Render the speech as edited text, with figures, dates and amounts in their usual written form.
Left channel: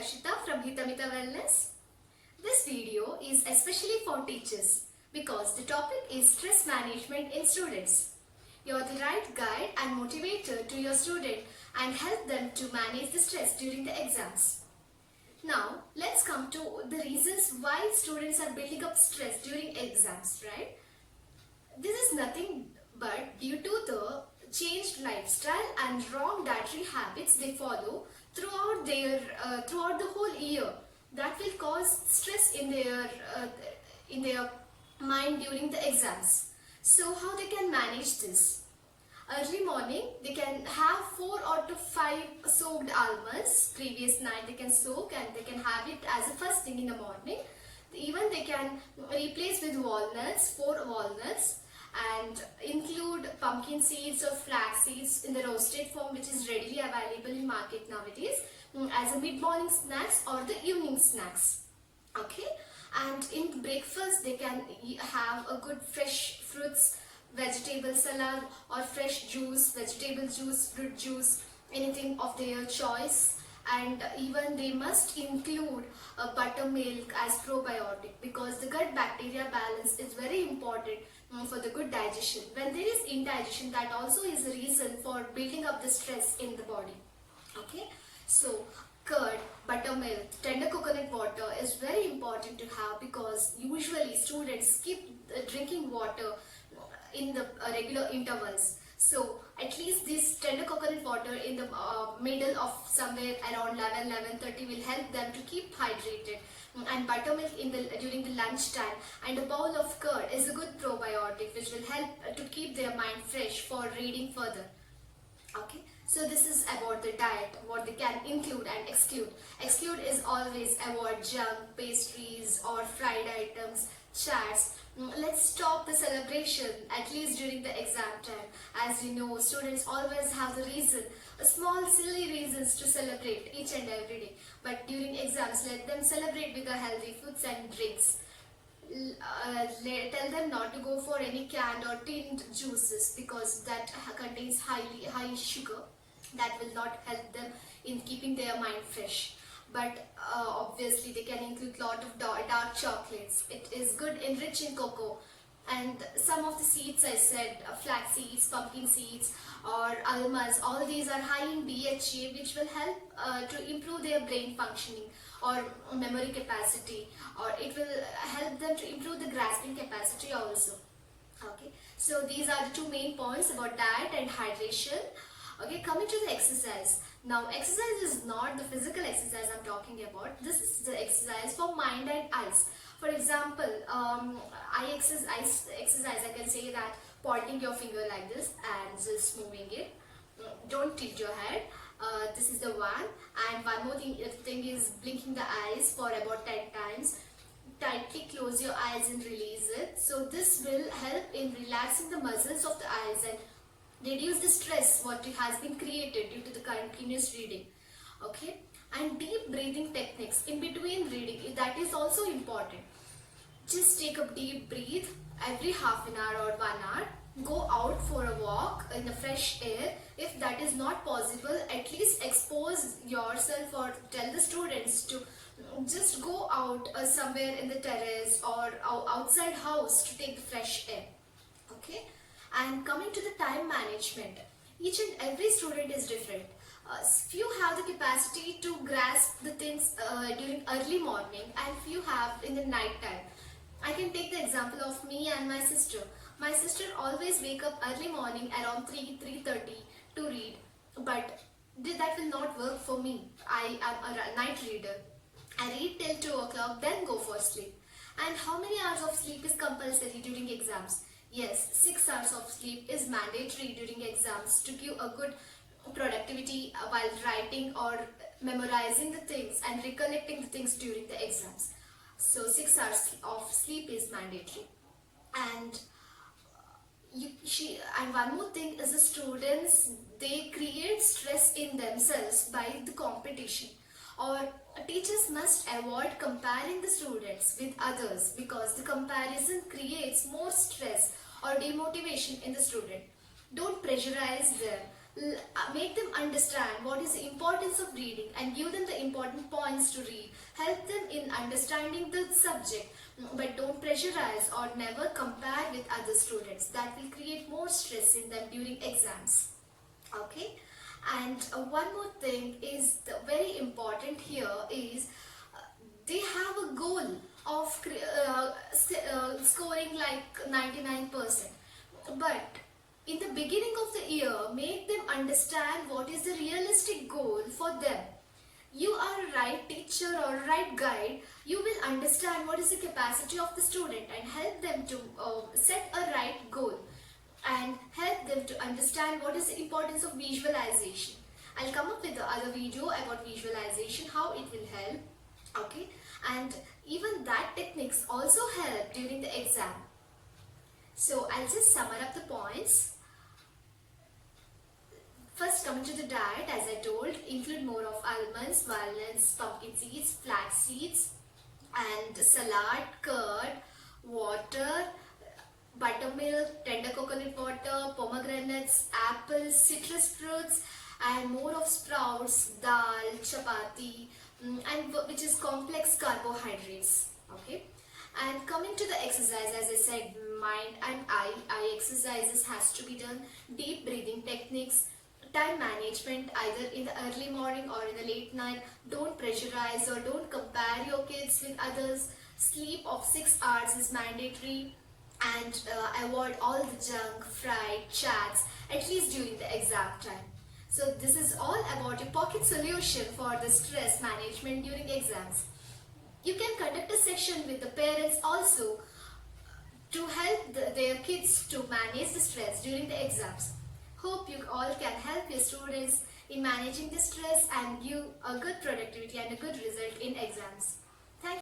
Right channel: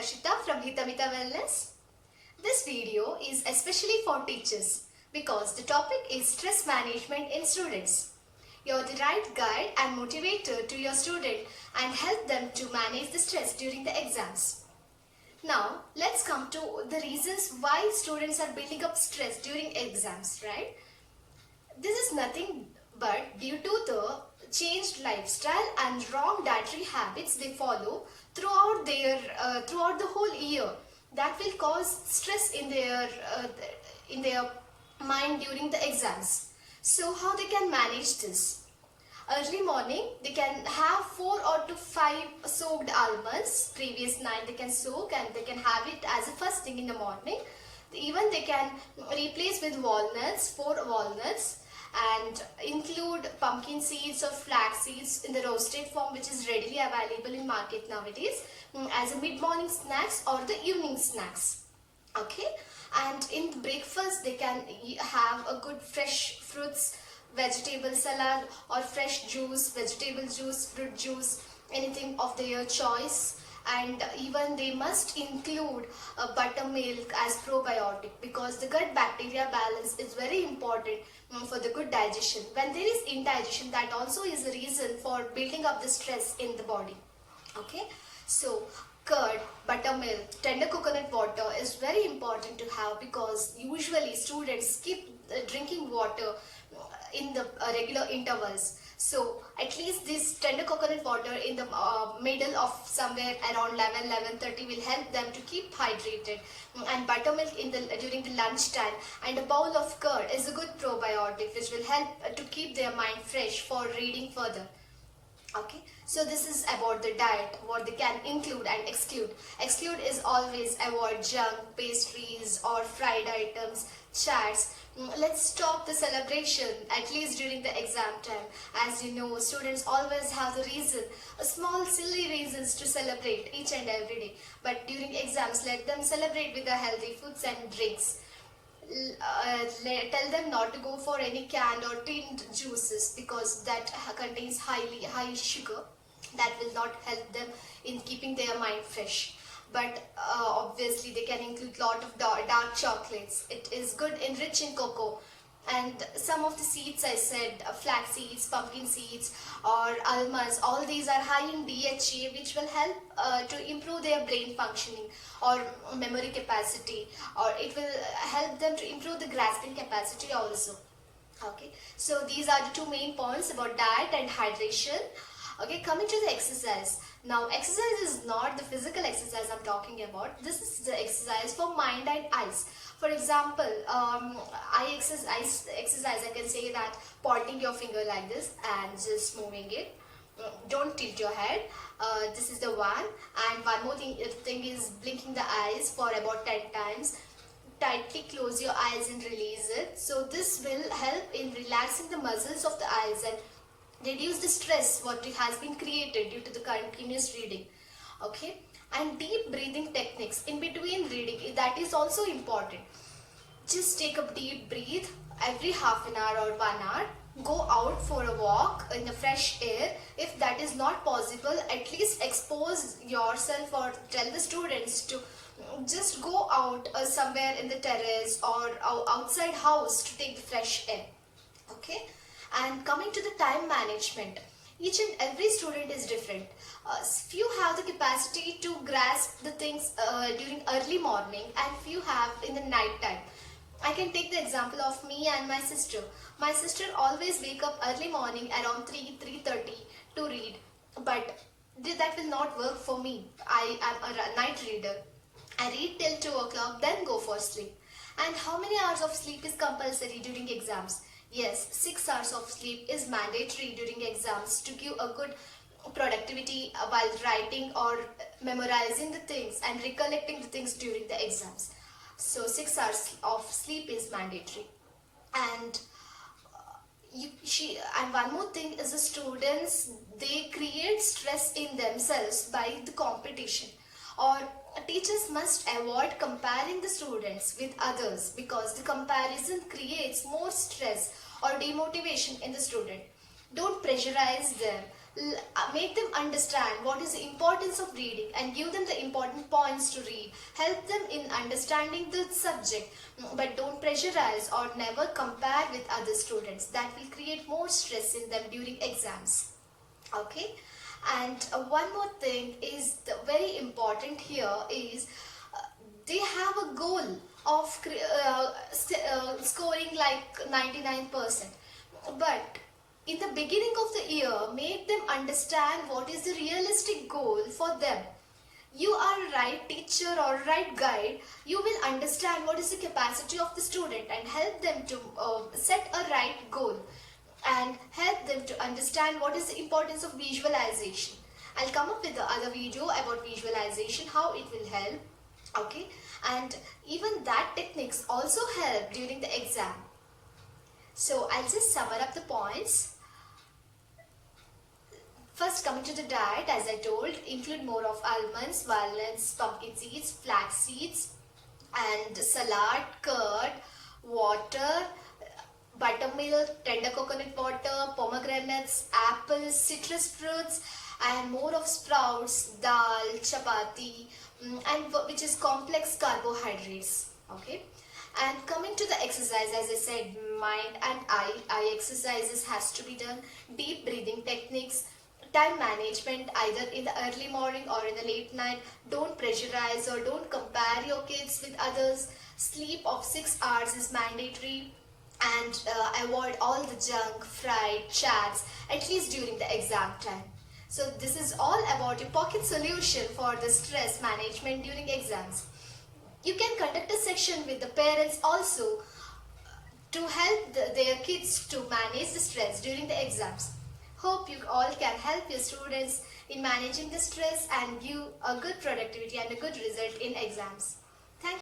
Harshita from Hitamita Wellness. This video is especially for teachers because the topic is stress management in students. You're the right guide and motivator to your student and help them to manage the stress during the exams. Now, let's come to the reasons why students are building up stress during exams, right? This is nothing but due to the changed lifestyle and wrong dietary habits they follow throughout the whole year. That will cause stress in their mind during the exams. So how they can manage this? Early morning, they can have 4 or to 5 soaked almonds. Previous night they can soak and they can have it as a first thing in the morning. Even they can replace with walnuts, 4 walnuts, and include pumpkin seeds or flax seeds in the roasted form, which is readily available in market nowadays as a mid-morning snacks or the evening snacks. Okay, and in breakfast they can have a good fresh fruits, vegetable salad or fresh juice, vegetable juice, fruit juice, anything of their choice. And even they must include buttermilk as probiotic, because the gut bacteria balance is very important for the good digestion. When there is indigestion, that also is a reason for building up the stress in the body. Okay, so curd, buttermilk, tender coconut water is very important to have, because usually students skip drinking water in the regular intervals. So at least this tender coconut water in the middle of somewhere around 11:30 will help them to keep hydrated. And buttermilk during the lunch time, and a bowl of curd is a good probiotic which will help to keep their mind fresh for reading further. Okay, so this is about the diet, what they can include and exclude. Exclude is always avoid junk, pastries or fried items, chats. Let's stop the celebration at least during the exam time. As you know, students always have the reason, small silly reasons to celebrate each and every day. But during exams, let them celebrate with the healthy foods and drinks. Tell them not to go for any canned or tinned juices, because that contains high sugar. That will not help them in keeping their mind fresh. But obviously they can include lot of dark chocolates. It is good, enriched in cocoa. And some of the seeds I said, flax seeds, pumpkin seeds or almonds, all these are high in DHA, which will help to improve their brain functioning or memory capacity, or it will help them to improve the grasping capacity also. Okay, so these are the two main points about diet and hydration. Okay, coming to the exercise. Now, exercise is not the physical exercise I'm talking about. This is the exercise for mind and eyes. For example, eye exercise, I can say that pointing your finger like this and just moving it. Don't tilt your head. This is the one. And one more thing is blinking the eyes for about 10 times. Tightly close your eyes and release it. So this will help in relaxing the muscles of the eyes and reduce the stress what has been created due to the continuous reading. Okay, and deep breathing techniques in between reading, that is also important. Just take a deep breath every half an hour or 1 hour. Go out for a walk in the fresh air. If that is not possible, at least expose yourself, or tell the students to just go out somewhere in the terrace or outside house to take the fresh air. Okay, and coming to the time management, each and every student is different. Few have the capacity to grasp the things during early morning, and few have in the night time. I can take the example of me and my sister. My sister always wake up early morning around 3:30 to read, but that will not work for me. I am a night reader. I read till 2 o'clock, then go for sleep. And how many hours of sleep is compulsory during exams? Yes, 6 hours of sleep is mandatory during exams to give a good productivity while writing or memorizing the things and recollecting the things during the exams. So 6 hours of sleep is mandatory. And and one more thing is, the students, they create stress in themselves by the competition, or teachers must avoid comparing the students with others, because the comparison creates more stress or demotivation in the student. Don't pressurize them. Make them understand what is the importance of reading and give them the important points to read. Help them in understanding the subject, but don't pressurize or never compare with other students. That will create more stress in them during exams. Okay, and one more thing is very important here is they have a goal of scoring like 99%, but in the beginning of the year make them understand what is the realistic goal for them. You are a right teacher or right guide, you will understand what is the capacity of the student and help them to set a right goal and help them to understand what is the importance of visualization. I'll come up with the other video about visualization, how it will help. Okay, and even that techniques also help during the exam. So I'll just sum up the points. First, coming to the diet, as I told, include more of almonds, walnuts, pumpkin seeds, flax seeds, and salad, curd, water, buttermilk, tender coconut water, pomegranates, apples, citrus fruits, and more of sprouts, dal, chapati, and which is complex carbohydrates. Okay, and coming to the exercise, as I said, mind and eye exercises has to be done, deep breathing techniques, time management either in the early morning or in the late night. Don't pressurize or don't compare your kids with others. Sleep of 6 hours is mandatory, and avoid all the junk, fried, chats, at least during the exam time. So this is all about your pocket solution for the stress management during exams. You can conduct a session with the parents also to help their kids to manage the stress during the exams. Hope you all can help your students in managing the stress and give a good productivity and a good result in exams.